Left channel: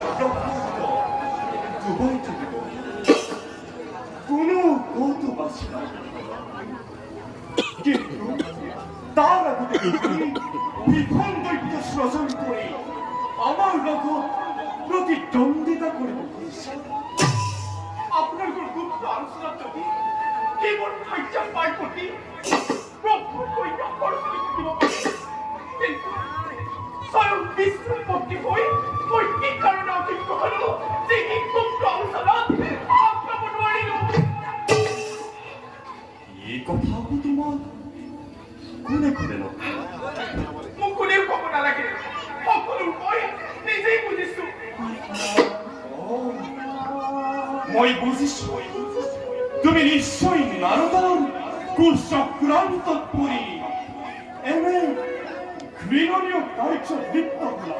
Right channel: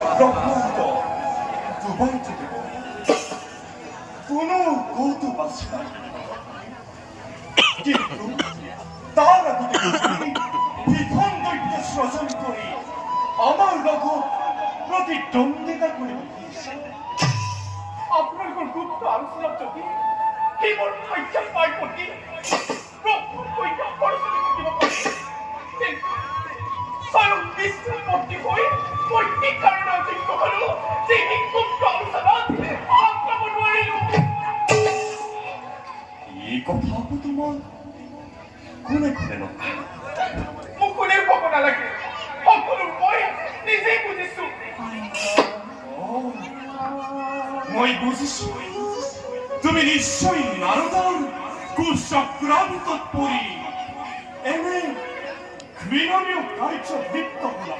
ব্রহ্মাণ্ড ডুবাই তুলিব কোনো কৌতুবাসী নাই, কিন্তু তার আগতে বিধন দৈত্য সৃজন করে আমার লগত প্রতিদ্বন্দ্বিতা করিব। আপনার গুপ্ত আলোচনা যদি কেবল খাইয়া পাই প্রতি প্রভুর কইয়া পড়াশোনা করিব পারে, কিন্তু স্বয়ং বিষ্ণু মূর্তি হয়ে কই কারণে অযোগ্য হল সেই গুপ্ত আলোচনা আক্রমণ করিল। এই কথা তোমার কোনে কোনে নয়, মুকুলের ভবনা লাগে সকল মই নিজেই বুঝিছো। মই বুঝিছো তুমি নিশ্চয়ই নারদার কুচক্রান্ত পরি এনে ঘৃণনীয় কার্য লিপ্ত হলা।